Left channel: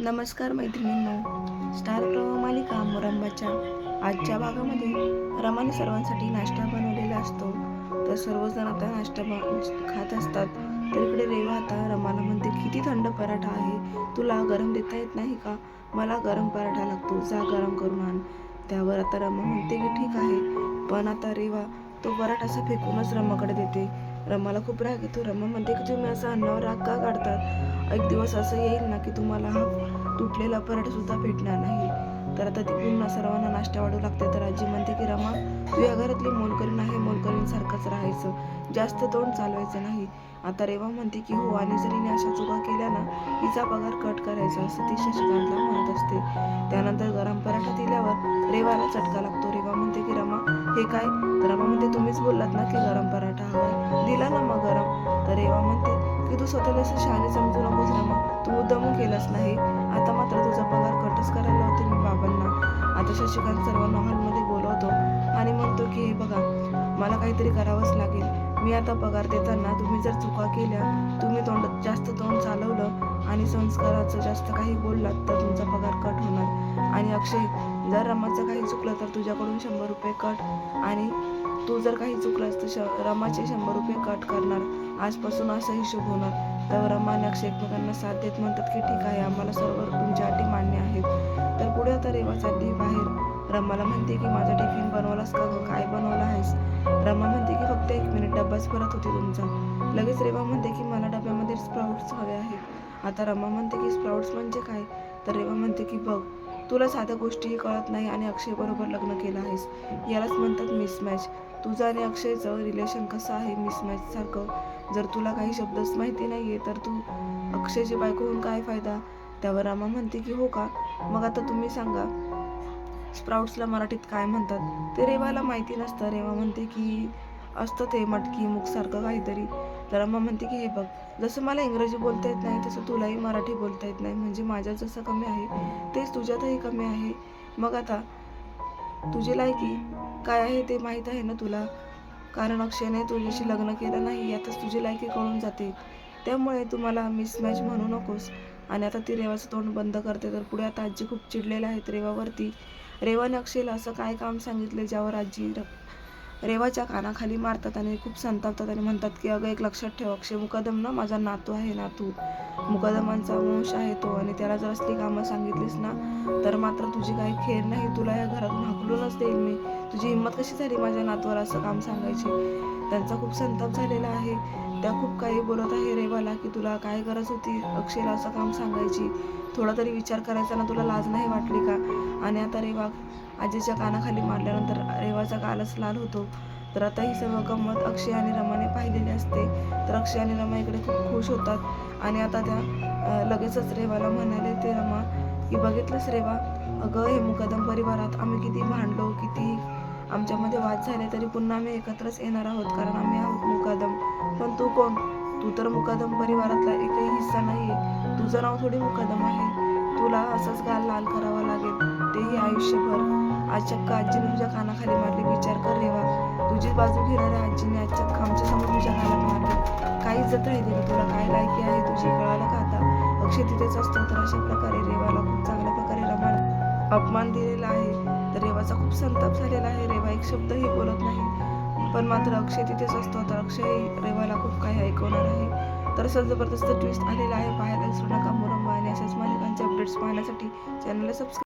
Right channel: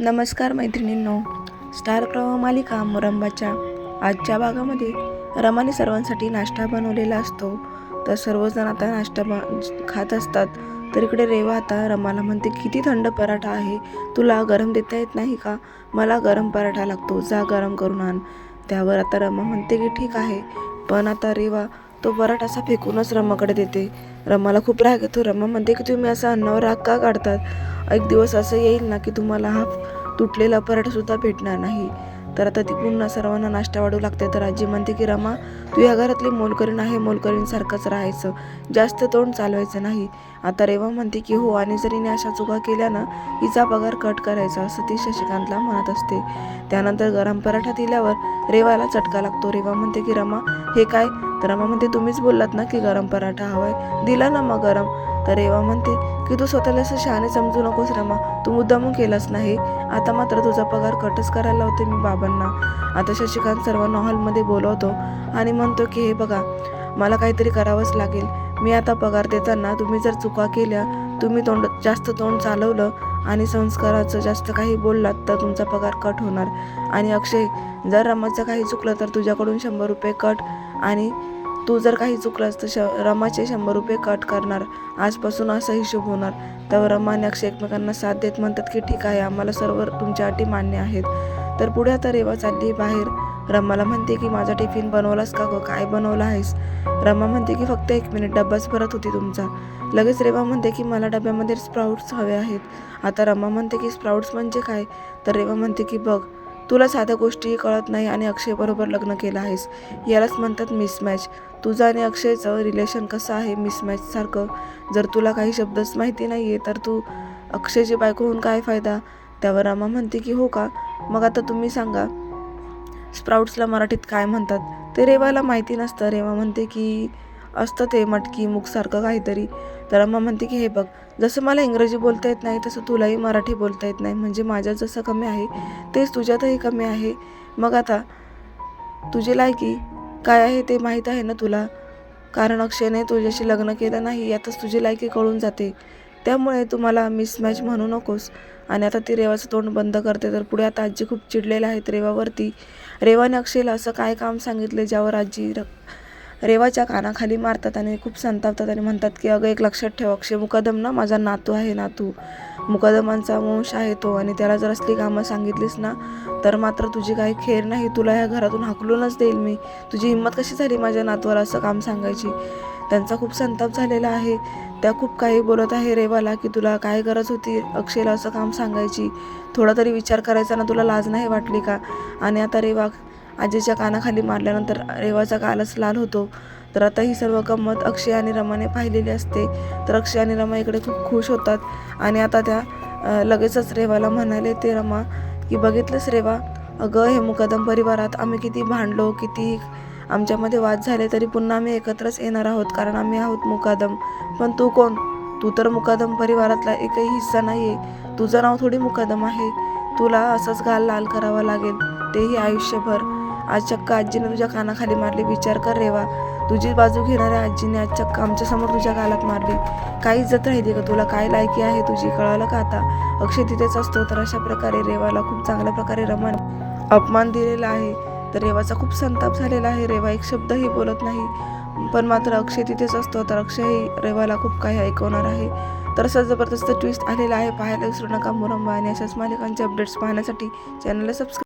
नमस्कार मैत्रिणींनो. स्टार प्रवाह मालिका मुरंबाच्या आजच्या भागामध्ये रमाने सर्वांसाठी नाश्ता बनवलेला असतो. तर सर्वजण आता नाश्ता बा खात असतात. तर इकडे रेवा आता रमाला म्हणते किती थंड पराठा आहे. तुला गरम देता येत नाही का? मला गरम पराठा लागतो. जा गरम करून आण. त्यावर आता रमा म्हणते की ठीक आहे. पण आता रेवा तो पराठा असा फेकूनच रमाकडे देते. रमाला खूप राग येतो. रमा म्हणते की तुम्ही असं अन्नावर राग का काढतात? एक दिवस असं येईल ना की तुम्हाला हा तुटलेला पराठा सुद्धा भेटणार नाही. तर आता ती पुन्हा सर्वांना नाश्ता वाढू लागते. तर आजी म्हणते की रमा तू या घरातली मोलकरीण आहे. मोलकरीणसारखंच राहायचं. जास्त तोंड चालवायचं नाही. आता रेवा म्हणते की हो आणि जर हिने अशा चुका केल्या ना हिचा पगार कट करायचा असं ती शशिकांतला म्हणत असते. त्यानंतर गरम पराठा दिल्यावर रेवाला चटका लागतो. रेवा म्हणते की रमा हे काय? तर रमा म्हणते तुम्हीच बोललात ना की गरम पराठा हवाय? दिला ना मग गरम. तर रेवा म्हणते की तू स्वतःला असं शहाणे समजू नकोस रमा. तू मुद्दामून केलास नाही आता मात्र तुझा पगार कटच करायला होते मी बाबांना. आता शशिकांत सर्वांना हॉलमध्ये बोलवतो आणि म्हणतो की हे बघा मला काहीतरी करावंच लागेल. मी आता पगार देताना तुम्ही जर चुका केल्या तुम्ही तोंड जास्त तोंड चालवलं आणि संस्काराचं जास्त काही बोललात तर तुमचा पगार कट होणार. आणि अक्षय जर रमाचं काही चुकलं तर तुझ्याकडून शंभर रुपये कट आणि तू जर काही चुकलास तर श रमाचे शंभर रुपये कट करणार. आजपासून असा हिशोब होणार. त्यावर रमा आणि अक्षय एकमेकांना साथ देत म्हणतात की ठीक आहे आम्हाला सर्व तुमच्या अटी मान्य आहेत. तर पुढे आता रेवा चालली बाहेर. रमाला म्हणते की माझा टिफिन बनवलास का गं? काय बनवला आहेस? रमा म्हणते की फक्त एक मिनिट डब्बाच परत होती तुमचा. लगेच रेवा म्हणते की मला डब्यामध्ये स्प्राऊट्स हवे आहेत. आता रमा म्हणते की स्प्राऊट्स म्हणजे काय? तर रेवा म्हणते की बघ तुला साध्या गोष्टीही कळत नाही आणि अक्षयबरोबर लग्न केलं आहेस. यालाच म्हणतात मिसमॅच तुझं आणि अक्षयचं रिलेशन कसं आहे मिसमॅचसारखं जर तुला काही शब्दच माहिती नाही आहे तर तू अक्षयची बायको होऊन काय फायदा? त्यावर रमा म्हणते की हो का? मग आता तुम्ही सांगा. स्प्राउट्सला मराठीत काय म्हणतात? ते रेवाला माहिती नसतं. रेवा म्हणते की असतं ते मटकी मुखसारखं काहीतरी. तर अम्मा म्हणते की हे बघ जसं मला इंग्रजी बोलता येत नाही तसं तुलाही मराठी बोलता येत नाही. म्हणजे माझ्यात जसं कमी आहे तेच तुझ्यातही कमी आहे. मग आता तुझी लायकी काय आहे ते माहीत आहे ना तुला? कारण अक्षयने तुझ्याशी लग्न केलं नाही यातच तुझी लायकी कळून जाते. त्यामुळे तुम्हाला मिसमॅच म्हणू नकोस. आणि आता ती रेवाचं तोंड बंद करते. तर पुढे आता आजी खूप चिडलेलं आहेत रेवावरती. रेवा अक्षयला असं काय काम सांगितले ज्यावर आजी र रेवाच्या कानाखाली मारतात आणि खूप संतापतात आणि म्हणतात की अगं एक लक्षात ठेव अक्षय मुकदम ना माझा नातू आहे नातू. मुकदमांचा वंश आहे तो आणि त्याला जर असली कामं सांगितलीस ना तर मात्र तुझी काही खेर नाही. तुला ह्या घरातून हाकलूनच देईल मी. तुझी हिंमत कशी झाली माझ्या नातूवर असं काम सांगायची? त्यांचा खूप संताप झालेला आहे. त्या खूप काही बोलत आहे रेवाला की तुला काय गरज होती अक्षयला असं काम सांगायची? थोडा तरी विचार करायचा ना तुला लाज नाही वाटली का? आणि आता रेवा आजीच्या कानाखाली मारल्यानंतर रेवाचा कालच लाल होतो. तर आता ही सर्व गंमत अक्षय आणि रमाने पाहिलेली असते. तर अक्षय आणि रमा इकडे खूप खुश होतात. आणि आता त्या लगेचच रेवाला म्हणाले ते रमा की बघितलंच रेवा? अगं हे मुकदम परिवारात आम्ही किती भांडलो किती आमच्यामध्ये वाद झाले तरी पुन्हा आम्ही एकत्रच येणार आहोत कारण आम्ही आहोत मुकादम. पण तू कोण? तू तर मुकादम परिवारातला एकही हिस्सा नाही आहे. तुझं नाव थोडी मुकादम आहे. तुला असंच गाल लाल करावा लागेल. तेही आयुष्यभर. आज चक्क आजीने तुझ्या कानाखाली मारली. विचार कर रेवा. तुझी बाजू घेणाऱ्या आजीने आज चक्क आमच्यासमोर तुझ्या गालात मारली. काही इज्जत राहिली का तुला? काय लायकी आहे तुझी? कळालं का आता? अक्षय तिथेच असतो तर अशा प्रकारे रेवाला खूप चांगल्या प्रकारे रमान अपमान दिलेला आहे. तर रेवाचा खूप संताप झालेला आहे. रेवा एक शब्दही बोलत नाही. पण मात्र अक्षय तिथेच असतो. तर अक्षयही रेवाला खूप काही ऐकवणार आहे. तर असं जबरदस्त ट्विस्ट आलेला आहे. पाहायला विसरू नका. मुरंबा आणि अशाच मालिकांचे अपडेट्स पाहण्यासाठी चॅनलला सबस्क्राईब